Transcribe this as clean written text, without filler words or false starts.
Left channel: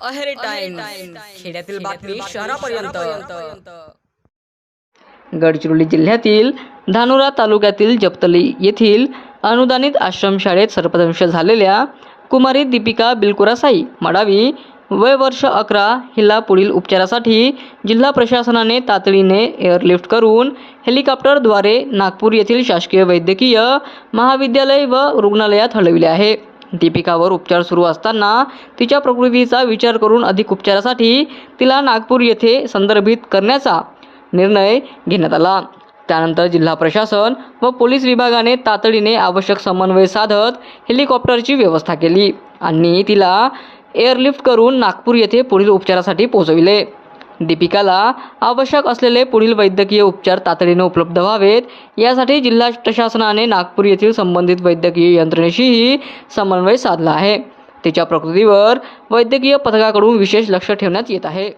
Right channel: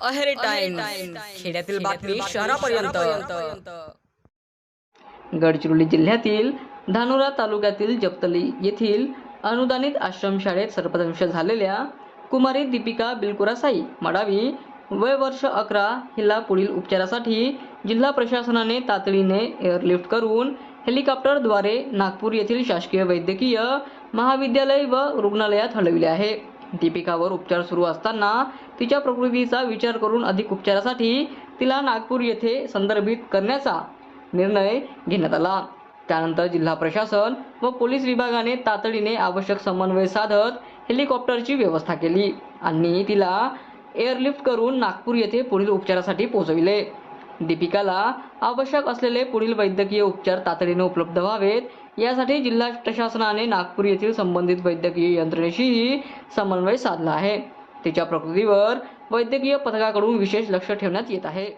Aheri time खेड्यातील बातमी शहरापर्यंत। गडचिरोली जिल्ह्यातील धानोरा तालुक्यातील जपतली येथील अनुदानित आश्रमशाळेत सर्पदंश झालेल्या कुमारी दीपिका बिलकुरासाई मडावी वय वर्ष 11 हिला पुढील उपचारासाठी जिल्हा प्रशासनाने तातडीने एअरलिफ्ट करून हेलिकॉप्टरद्वारे नागपूर येथील शासकीय वैद्यकीय महाविद्यालय व रुग्णालयात हलविले आहे। दीपिकावर उपचार सुरू असताना तिच्या प्रकृतीचा विचार करून अधिक उपचारासाठी तिला नागपूर येथे संदर्भित करण्याचा निर्णय घेण्यात आला। त्यानंतर जिल्हा प्रशासन व पोलीस विभागाने तातडीने आवश्यक समन्वय साधत हेलिकॉप्टरची व्यवस्था केली आणि तिला एअरलिफ्ट करून नागपूर येथे पुढील उपचारासाठी पोहोचविले। दीपिकाला आवश्यक असलेले पुढील वैद्यकीय उपचार तातडीने उपलब्ध व्हावेत यासाठी जिल्हा प्रशासनाने नागपूर येथील संबंधित वैद्यकीय यंत्रणेशीही समन्वय साधला आहे। तिच्या प्रकृतीवर वैद्यकीय पथकाकडून विशेष लक्ष ठेवण्यात येत आहे।